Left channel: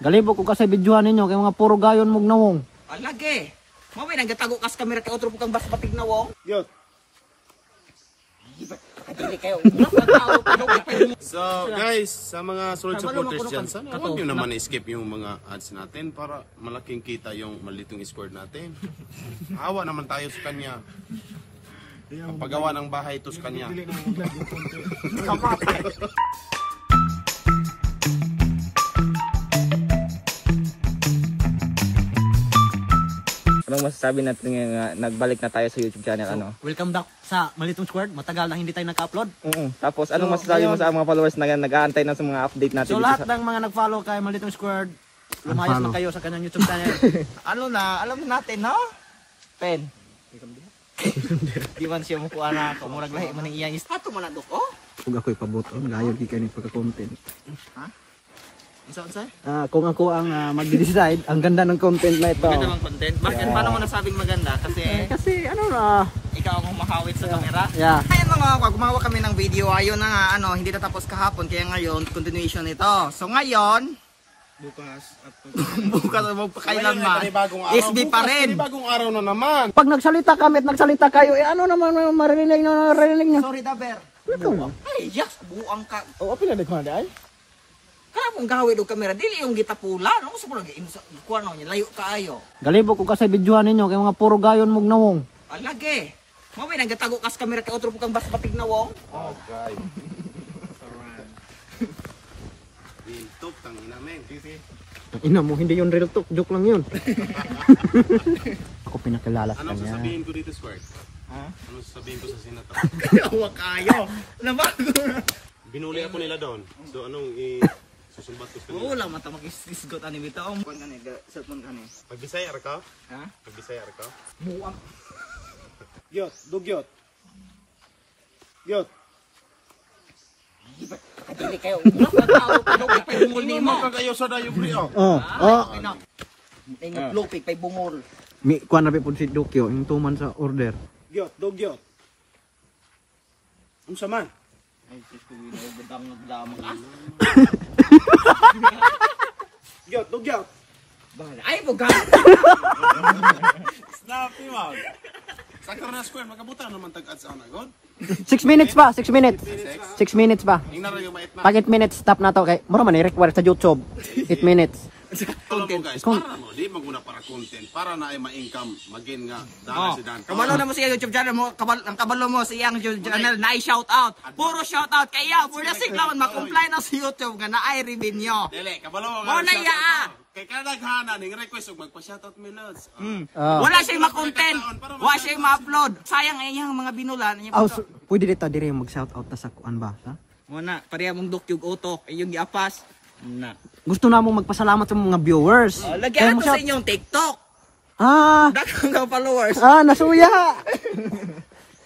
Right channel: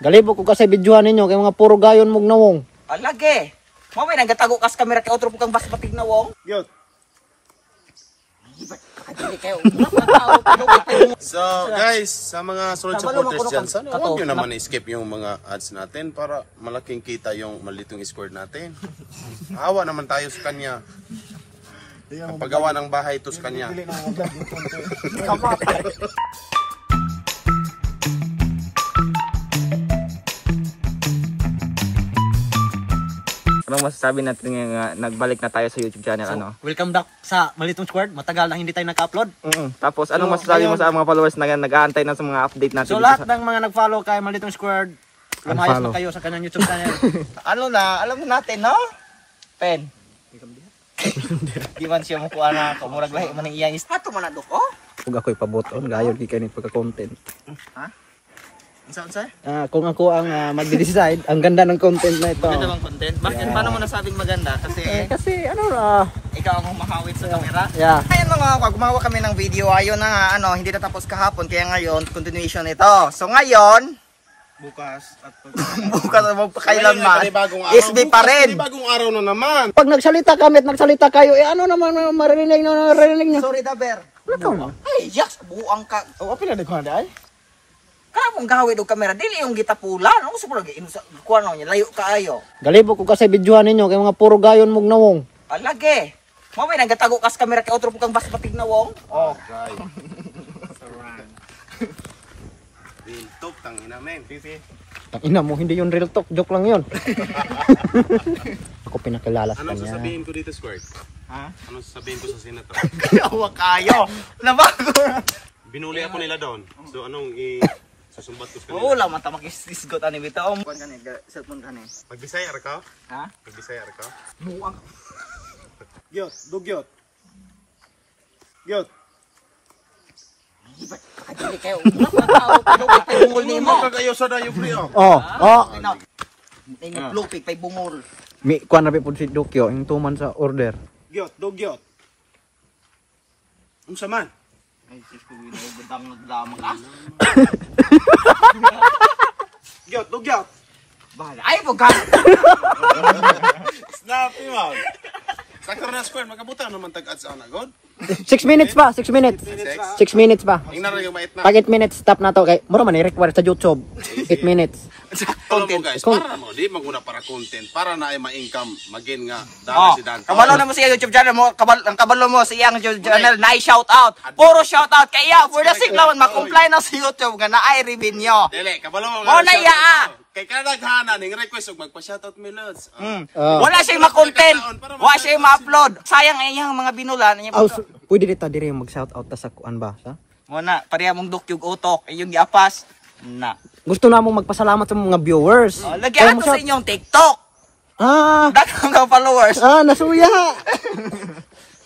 Galibok ko kasi videohan ninyo kay mga puro gayon mong nawong. Alage. Mo may nagatago kas kamera kay otro pukang bas patig nawong. Yo. So guys, sa mga solid supporters dyan, sana huwag nyo naman i-skip yung mga ads natin para malaking kita yung malitong score natin. Awa naman tayo sa kanya. Paggawa ng bahay ito sa kanya. Anong masasabi natin nga nagbalik na tayo sa YouTube channel? So, welcome back sa Malitong Squad. Matagal na hindi tayo nagka-upload. Tapos anong masasabi mo sa mga followers na nag-aantay na sa mga update natin? So lahat ng mga nag-follow kay Malitong Squad, lumayas na kayo sa kanyang YouTube channel. Ano na, alam natin, no? Pen. Di man siya mukuha na, kumurag lahi man ang iyang ispato man na dok, oh? Kung ako'y pabuton, gayon di kayo pagka-content. Ha? Unsa? Kung ako ang mag-decide, ang ganda ng content na ito. Maganda bang content? Bakit? Paano mo nasabing maganda? Kasi ano na, Ikaw ang makawit sa camera? yeah. Ayun mga kapag gumawa kami ng video, ayun na nga, hindi natapos kahapon, kaya ngayon, continuation ito. So ngayon, Bukas at bukas na magpakailanman, SB pa rin. Bagong araw na naman. Pag nagsalita kami at nagsalita kayo, ano naman maririnig nyo? Sorry, Daber. Lakaw na. Ay, yes, buang ka. Oo, pila nagkuhan dahil? Kamong gawid og kamera, dili yung gitapula. Ano gusto mo lagi? Kuha na niya, layo kaayo. Galibok ko kasi videohan ninyo kay mga puro gayon mong nawong. Alage. Mo may nagatago kas kamera kay otro pukang bas patig nawong. Oh. Tok tangina men. Ang ina mo, hindi yun real talk, joke lang yun. Ako pinakilala sa Anong kanya. sasabihin ko dito, Squirt? Ha? Anong sasabihin ko sa senator? Kawa kayo. Nabago. Binuli ako nila doon. So anong susumbat ko sa kanila? Wala man ta makisgot ani bitaw. Kuan kani, cellphone kani. Pagbisaya ka? Ha? Pagbisaya ka? Buang. Gyot, dugyot. Gyot. Dili kayo. Tao pay bungol nimo. Kagayo sa dayo pre oh. Tingog lupig pay bungol. Mi kuan na pud si Dokyo, yung tuman sa order. Gyot, dugyot. Unsa man? Ay, sis ko wala bedang nagdama ka. Gyot, dugyot. Bahala. Ay, buga. Snap mo. Sakto na Squirt, magabutan naman tag-ads ana god. 6 minutes pa, 6 minutes. 6 minutes pa. Ingna ra yung mait na. Pag 8 minutes, stop na to. Kay, mura man i-require sa YouTube. 8 minutes. Content guys, para mo, di maguna para content, para na ay ma-income, magin nga dala si Dan. Kabalo na mo siya YouTube channel mo, ang kabalo mo sa iyang YouTube channel na i-shout out. Puro shout out kaya for the sake naman ma-comply na sa YouTube nga na ay revenue. Dili, kabalo mo. Mo na iya. Kay kada naghana ning request og magpa-shoutout mi lods. Wala siya ma-content. Wala siya ma-upload. Sayang ay iyang mga binulan niya. Pwede dito dire mag-shout out ta sa kuan ba? Sa? Mo na pareha mong dukyog utok, iyong giapas na. Gusto na mong magpasalamat sa mga viewers. Lagyan ko sa inyong TikTok. Daghang ka followers. Nasuya.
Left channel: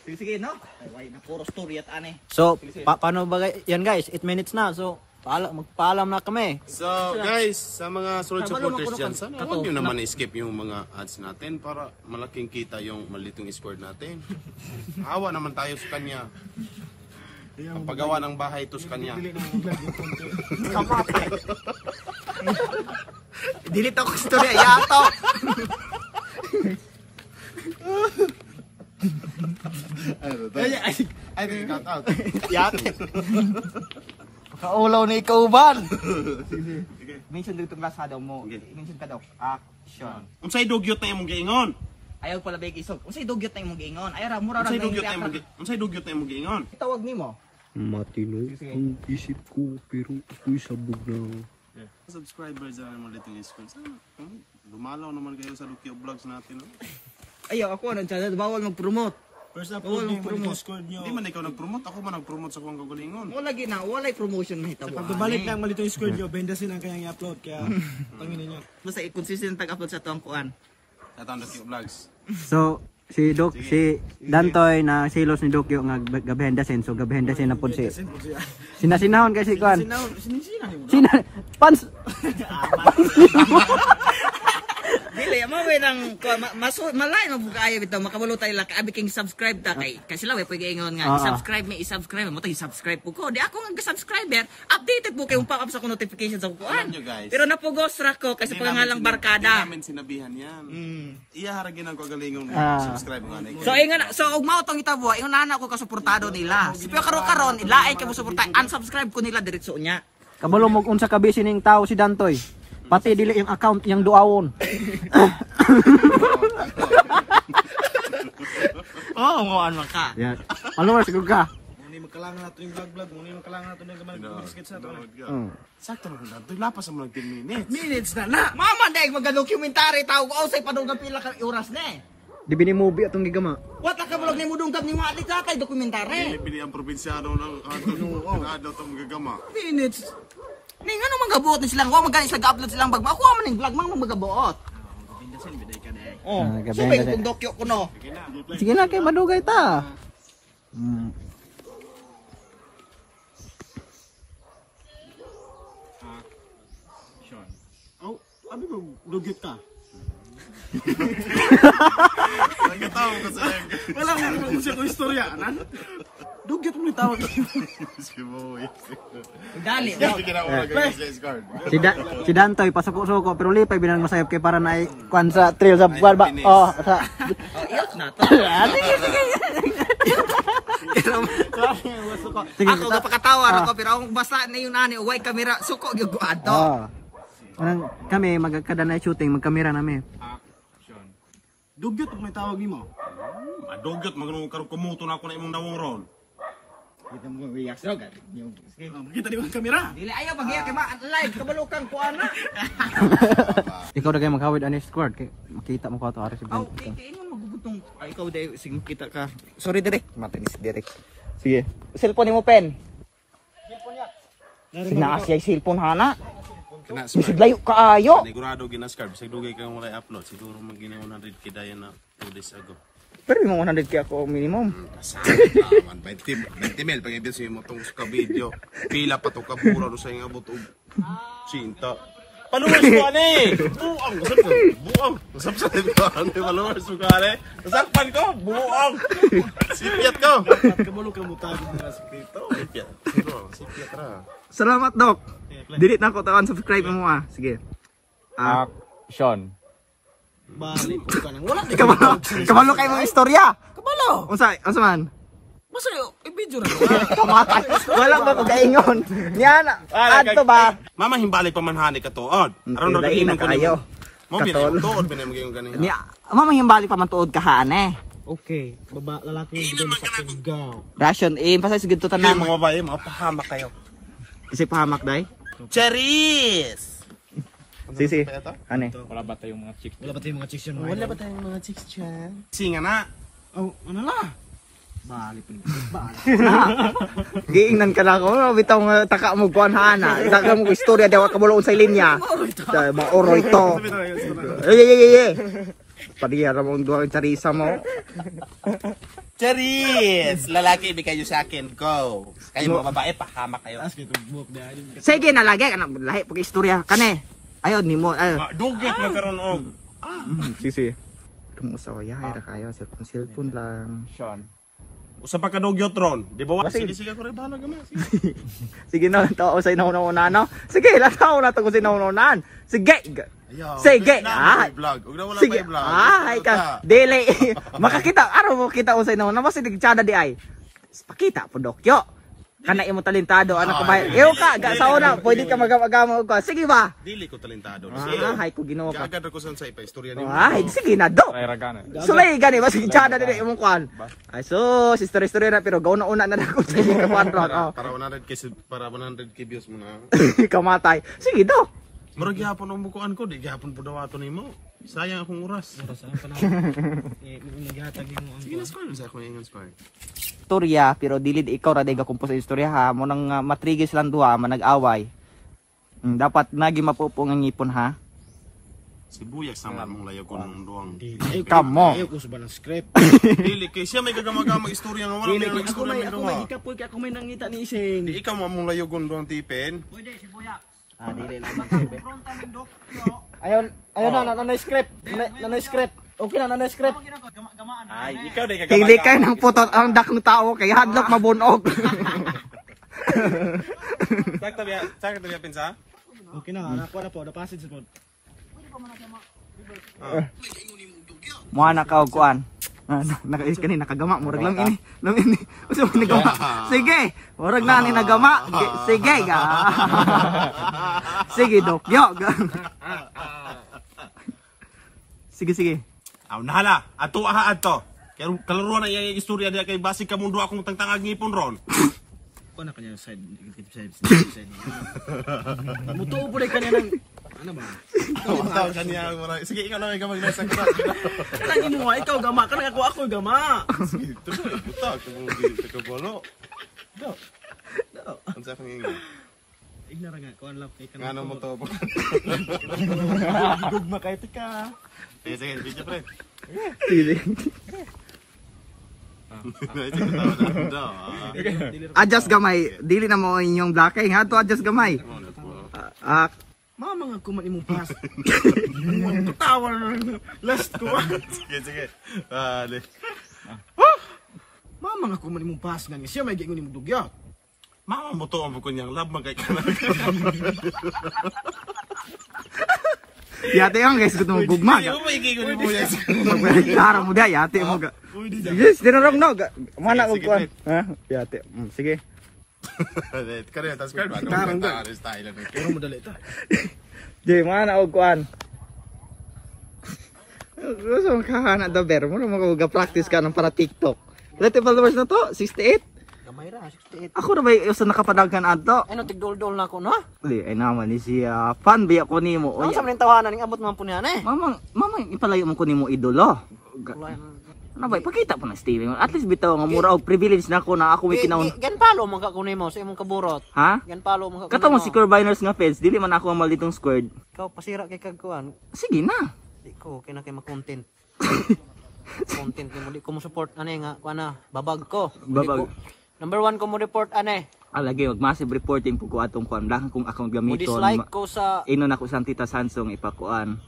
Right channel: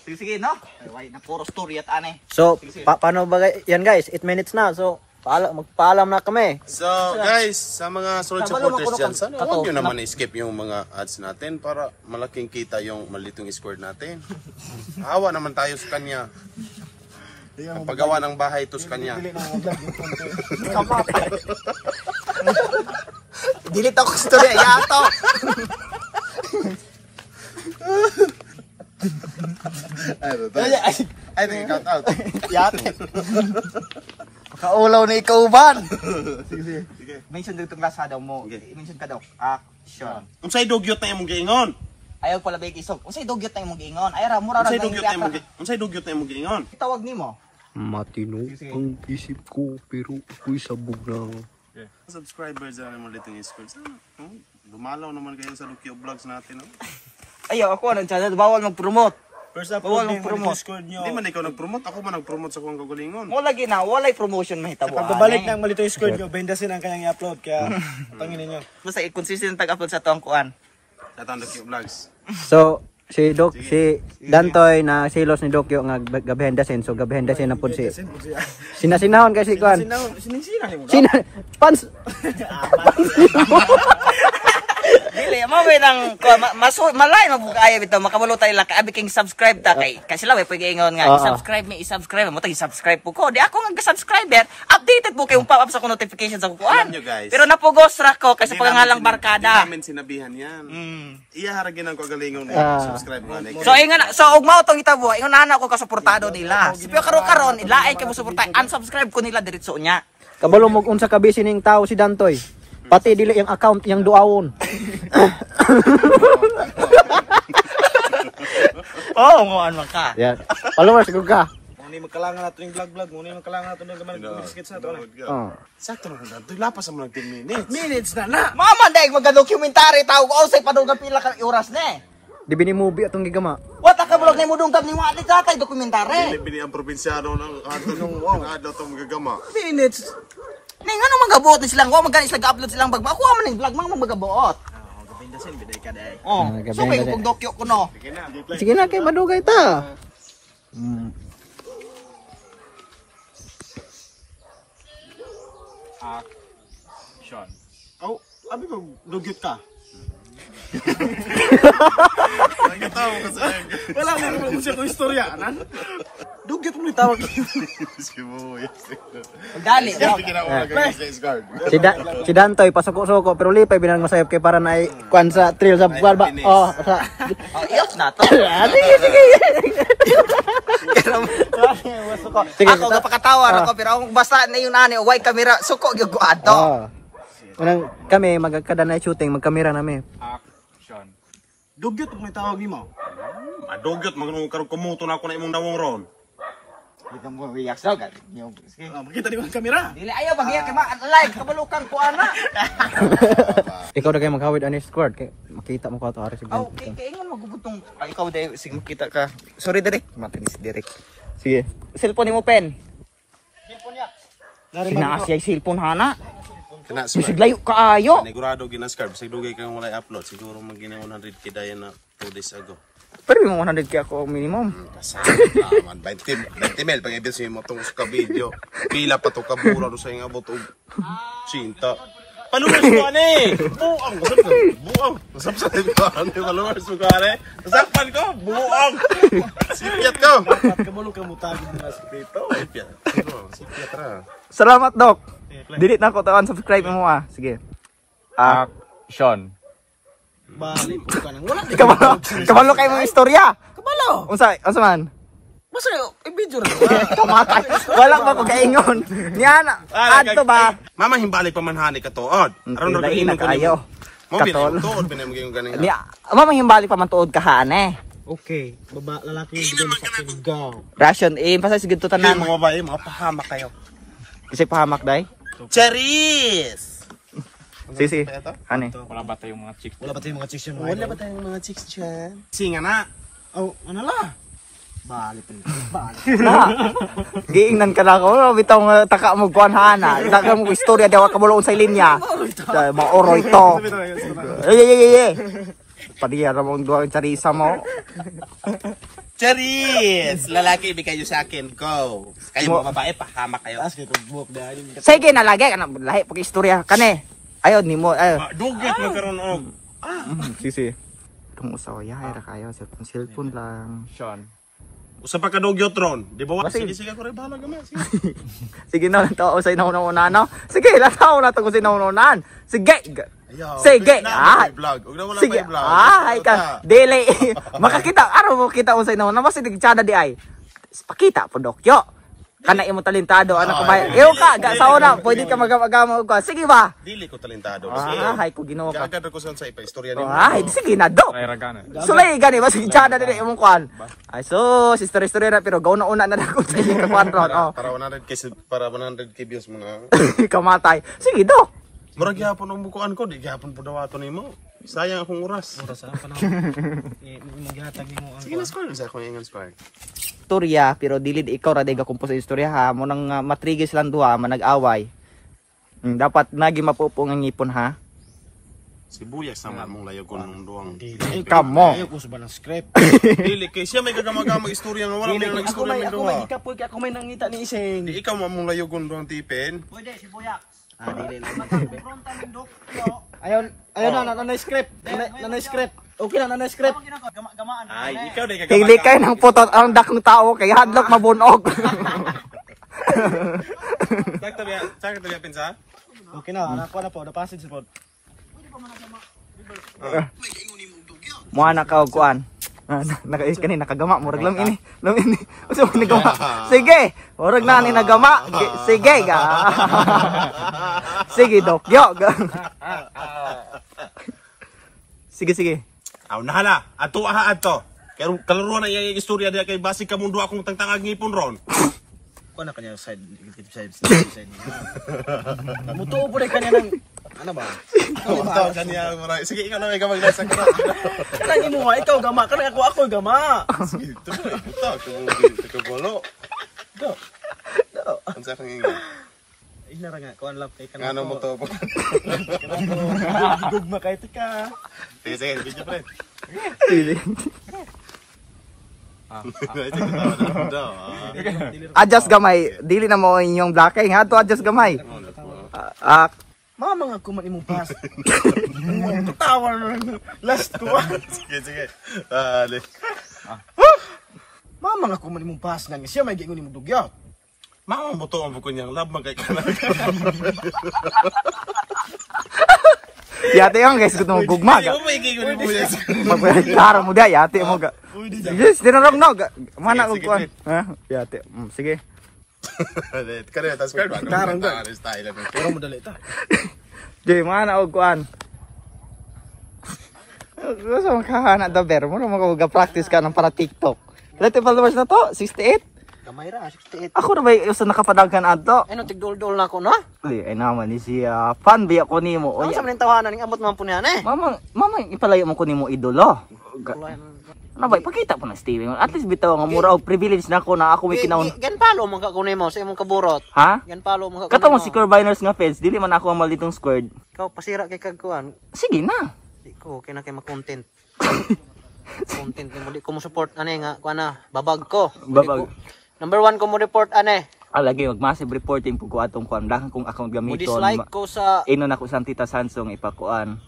Sige no. Ay na puro story at ane. So, paano ba yan guys? 8 minutes na. So, magpaalam na kami. So guys, sa mga solid supporters dyan, sana huwag nyo naman i-skip yung mga ads natin para malaking kita yung malitong score natin. Awa naman tayo sa kanya. Paggawa ng bahay ito sa kanya. Delete ako story yato. Ay, cut out. Yato. Kaulaw na ikaw ban. Mention dito klasa daw mo. Mention ka daw. Action. Unsay dugyot na imong giingon? Ayaw pala big isog. Unsay dugyot na imong giingon? Ay ra mura ra Unsay dugyot na imong giingon? Tawag nimo. Matino ang isip ko pero ako'y sabog na. Subscribers na naman dito yung school. Dumalaw naman kayo sa Lukio Vlogs natin. Ayaw ako ang channel bawal mag-promote. First up, Bawal mag-promote. Hindi man ikaw nag-promote, ako man nag-promote sa kuwang kagalingon. Mo lagi na walay promotion mahitabo. Pagbabalik ng Malitong Squad nyo, bendasin ang kanyang i-upload. Kaya, tanginin nyo. Basta i-consistent tag-upload sa tuwang kuan. Sa taong Lukio Vlogs. So, si Dantoy na silos ni Dokyo nga gabihendasin. So, gabihendasin na po si. Sinasinahon kasi kuan. Sinisinan mo. Pans. Dili mo may nang malay mabuka ayo bitaw makabulo tayo lang kaabi king subscribe ta kay sila way pwede ingon nga i-subscribe mo tagi subscribe po ko di ako nga subscriber updated po kay pop up sa ko notification sa kuan pero napugos ra ko kasi pagangalang barkada namin sinabihan yan iya haragin ang kagalingon subscribe nga so ug mao tong itabo ingon ana ko kasuportado nila pero karon ilaay kay mo suporta unsubscribe ko nila diretso nya Kabalo mo unsa ka busy ning tao si Dantoy. Pati dili yung account yang duawon. Oh, mo ano ka. Yeah. Followers gud ka. Muni magkalangan nato yung vlog, muni magkalangan nato ng gamay biscuits na to. sakto na Dantoy lapas mo ng 10 minutes Minutes na. Mama daig magdocumentary tawag ko say padugang pila ka oras ne. Di bini movie atong gigama. What ka bulog ni mo dungkap ni mo ati tatay dokumentary. pili ang probinsyano ng adlaw tong gagama Minutes. Ning ano magabuot ni silang wa magani sila ga-upload silang bagba. Ako man ning vlog mang magabuot. Gabindasin biday ka day. Oh. So kay kung dokyo ko no. Sige na kay madugay ta. Sean. Oh, abi ko dugyot ka. Wala ko siya ko istorya, nan. Dugyot mo tawag. Dali. Si Dantoy pasuko-suko pero lipay binang masayop kay para na kwan sa trio sa barba. Oh, sa. Iyos na to. Sige. Ako gapakatawar ako pero ako basta na yung nani way camera suko gyud ko ato. Oh. Unang kami magkada na shooting magkamera nami. Dugyot mo tawag nimo. madugyot magno karon kumuto na ako na imong dawong ron Kita mo wiyak sa ka. Sige. Makita di mo ang kamera. Dili ayaw bagya kay like kabalukan ko ana. Ikaw na kayo maghawid ani squad kay makita mo ko ato ari si Ben. Okay, kay ingon magubutong ikaw day sige makita ka. Sorry direk, matinis direk. Sige. Cellphone mo pen. Dari Sinasya cellphone hana. kana Bisig layo kaayo. panigurado ginascarb sig dugay kang wala upload siguro magina 100k dayon na 2 days ago Pero yung 100 kaya ako minimum. man 20 mil pag ibig mo tong ka video pila pa to ka bura do sa nga abot og cinta paluwas ko ani buang buang usap sa ko ani paluwas ko ani usapan ko buang sipiat ko dapat kabalo ka mo tawag mo sa dito. sipiat ra Salamat, Dok. Delete na ako tawan subscribe mo ah. Sige. Action. Balik ko ka nang wala di Kabalo kay mong istorya. kabalo. Unsa man? Basta i-video ra. Kamatay. Wala pa ko kaingon. Niya na. Adto ba? mama himbalik pa man hani ka tuod aron ra Lain na ginom ko kayo. mo bitaw tuod pa na maging ganin Niya, mamang balik pa man tuod ka hane. Okay, baba lalaki yung sa Sigaw. Ration pasa sige to tanan. mga babae mapahamak kayo Kasi pahamak dai. Charis Sige. Ani. Wala ba tayong mga chicks? Wala ba tayong mga chicks yun? wala ba tayong mga chicks dyan singa na Oh, ano la? Balik pa balik. Giingnan ka na ako, bitaw nga taka mo kuan hana. Taka mo istorya daw kabulo sa linya. Maoroy to. Ay. Padiya ra mong duwa charisa mo. Charis lalaki ibigay nyo sa akin go kayo mga babae pahamak kayo Sige na lagi kana lahi pag istorya kane. Ayon nimo ayo. dugyot magkaroon og Sisi. Tumusaw ya ra kayo sa cellphone lang. usa pa ka dugyot ron di ba sige ko rin bahala gamay Sige na tawo usay na una no. Sige na tawo na to usay na una. Sige. Sige. Ah. vlog ug na wala Sige. pa vlog Ay ka. Dili. Makakita araw mo kita usay na una basta digtsada di ay. Pakita po dokyo. Kana imo talentado anak ko ba. Iyo ka ga sa ora pwede ka magama ko. Sige ba? dili ko talentado Ay ko Ginoo ka. agad ko sa ipa-istorya nimo Ay sige na do. So ay gani basta digtsada di imong kwan. Ay so story na pero gaw na una na ako sa inyong kwatro. para 100k views mo na Kamatay. Sige do. murag gyapon ang bukuan ko di gyapon po dawaton nimo sayang akong oras Maghatag mo ang sige na score sa akong ingon score Istorya pero dilid ikaw ra dayga kumpos sa istorya ha mo nang matrigis lang duha man nag-away. Dapat nagi mapupo nga ngipon ha. sibuyas sama mong layagon nung duwang Kamo. Ayaw ko sa balang script. dili kay siya may gagamag istorya nga wala may istorya ng duwa Ikapoy kaya kung may nangita ni Iseng. ikaw mo mong layagon duwang tipin Pwede si Buyak. Ah, dili lang. Magkumpronta ng dokyo. Ayun na script. Na script. Okay na script. Ay, ikaw na Pili kayo ng putot ang dakong tao kay hadlok mabunog. Sakto ba pinsa? Okay na, ako na po, the passage po. Mua na ka og kuan. Naka-is kanina nakagama murag lam ini. Usa mo nagama. Sige, murag na ni nagama. Sige ga. Sige Dokyo. Sige. Aw nahala, ato ato. Kaya kalaro na yung istorya diya kay basig ka mundo akong tangtangag ngipon ron. Ko na kanya side niya. Mutuo po rin kanya ng ano ba? Ikaw kaniya mura. Sige ikaw na may gamag nasa ka. Kanang imo nga ikaw gama, kanang ako gama. Sige, ito bolo. Do. Ang sa kang ingo. Ignara nga kuan lap kay kanang. Ngano mo to? Gugma kay tika. Sige, video friend. Adjust gamay. Dili na mo inyong blackay nga to adjust gamay. Mama nga kuman imong pass. Tawa na last ko. Sige. Mama nga kuman imong pass nga siya may gingon imong dugyot. Mama mo to ang bukon niyang lab magkay ka na. Yate yung guys gusto mo gugma ga. Magpapalaro mo dia yate mo ga. Yes, dinarog no. Mana ko kuan. Ha? Yate. Sige. Kaya tas card ba? Tarang ba? Style na. Pero mo dali ta. Di mana og kuan. Gusto mo kahana da ber mo mag practice ka ng para TikTok. Dati followers na to 68. Gamay ra 68. Ako na ba usa nakapadaghan adto? Ano tigdol-dol na ko no? Ay naman ni siya. Fan ba ako nimo? Ano sa man tawanan ning amot man po niyan eh. Mama, ipalayo mo ko nimo idolo. Ano ba, ipakita po na steering. At least bitaw nga mura og privilege na ako na ako may kinahon. Gan palo man ka kunin mo sa imong kaburot. Ha? Gan palo man ka kunin mo. Katong si Corbiners nga feds, dili man ako ang malitong squared. Ikaw pasira kay kagkuan. Sige na. Di ko kay ma-content. Content mo di ko mo support ane nga kuan na babag ko. Babag. Number 1 ko mo report ane. Lagi mag massive reporting po ko atong kuan lang kung account Mo gamiton. dislike ko sa Ino na ko sang Tita Sansong ipakuan.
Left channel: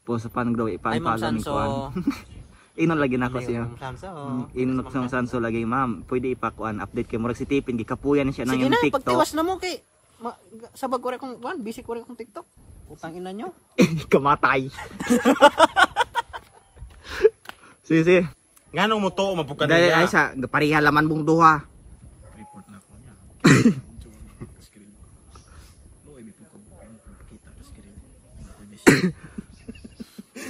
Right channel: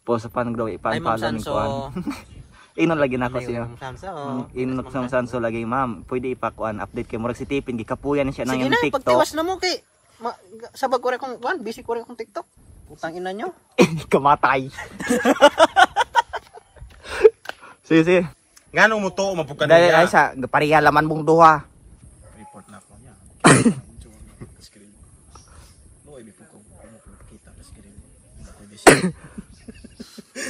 Po sa pangraw Ay, ipan-follow Ma'am ning Sanso. kuan. Ino lagi na ko siya. Sansa. Ino na ko sang Sanso lagi ma'am. Pwede ipakuan update kay murag si Tipin gikapuyan siya nang Sige yung na, TikTok. pagtiwas na mo kay sabag ko rin kung kuan, busy ko rin kung TikTok. Utang ina nyo. Kamatay. Sige. Ngano mo to mabukan Dahil ay sa pareha laman mong duha. Report na ako niya. Screen. Loy bi ko kita sa screen. Ako busy.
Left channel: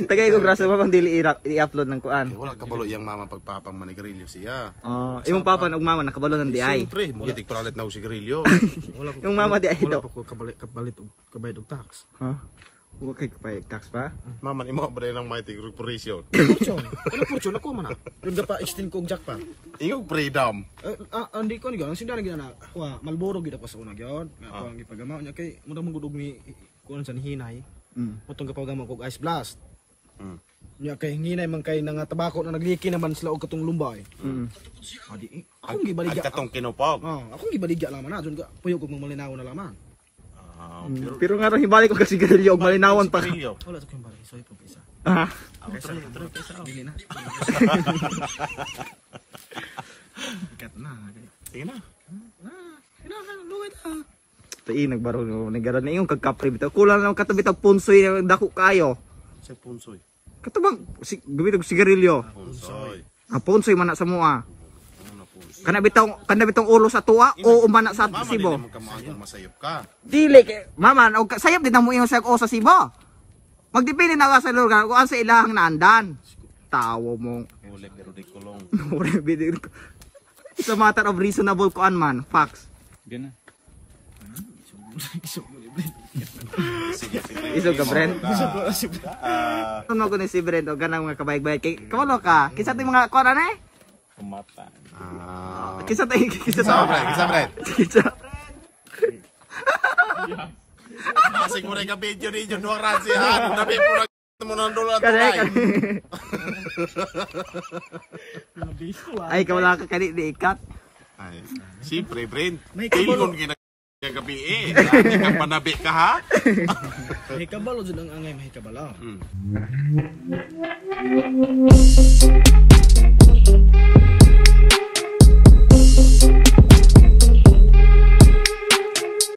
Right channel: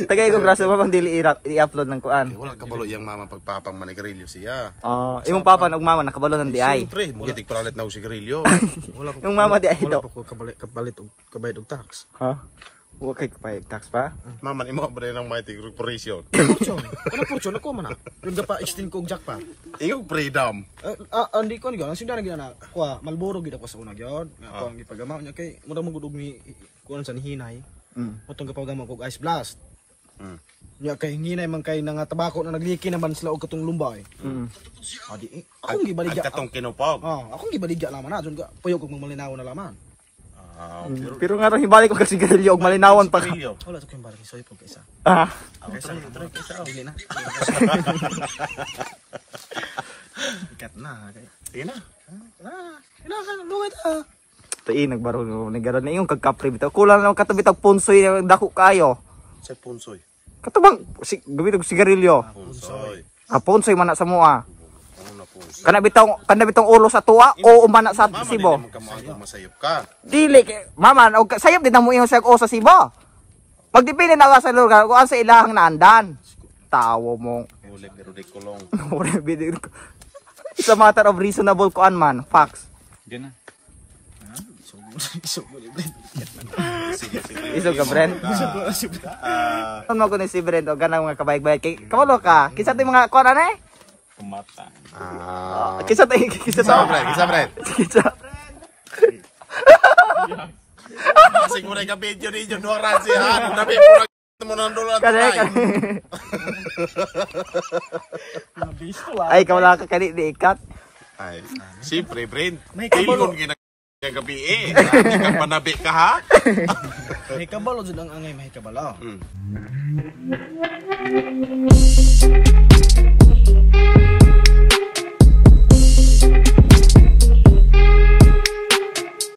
Tagay ko braso mo pang dili i-upload ng kuan. Wala kabalo yang mama pagpapang manigarilyo siya. Imong papa ug mama nakabalo ng di ay. Siyempre, mo gitik paralit na og sigarilyo. Yung mama di ay Wala daw. pa ko kabalit og kabayad og tax. Ha? Wa kay pay tax pa. Mama imo ba ng mighty corporation. Ano po chon ako man na. Yung pa extend ko og jack pa. Ingog freedom. Andi ko ni ang sinda na kuha Malboro gid ako sa una gyud. Ako ang gipagama niya kay mura mo gud og ni kuan sa nihinay. Motong gapagama ko og ice blast. Nya kay hinay man kay nga tabako na nagliki naman sila og katong lumbay. Adi akong gibaligya. Katong kinupog. Akong gibaligya laman na ka puyo kog malinaw na laman. Pero nga ron hibalik ko kasi garilyo og malinawan pa. Sigarilyo. Wala to kay balik so ito kaysa. Dili na. Ikat na kay. Sige na. Ina ka luwet ah. Tay nagbaro ni garon na yung kagkapre bitaw. Kulang lang katabit ang punsoy ng dako kayo. Sa punsoy. Katubang gawin og sigarilyo. Punsoy. Punsoy man na sa mua. Ano na punsoy? Kana bitong ulo sa tuwa o umana sa Mama sibo. din mo kamaayong masayop ka. Dili mama og sayop din na mo ingon sa o sa sibo. Pagdipili na ka sa lugar kung sa ilahang naandan. Tawo mo. Ulit pero di kulong. It's a matter of reasonable kuan man, facts. Iso ka Brent. Ano ko ni si Brent o ganang mga kabayag-bayag kay kamalo ka. Kinsa tay mga kuan ana eh? Kumata. Kinsa tay Isa Brad. Kinsa. Kasi mo ka video ni John Doran si ha. Nabi po mo nang dolan Kani. Ay kamala ka kani di ikat. Ay, siyempre, Brent. Kilon ginagabi eh. Dati ka panabi ka ha? Mahikabalo jud ang angay mahikabala. Mm.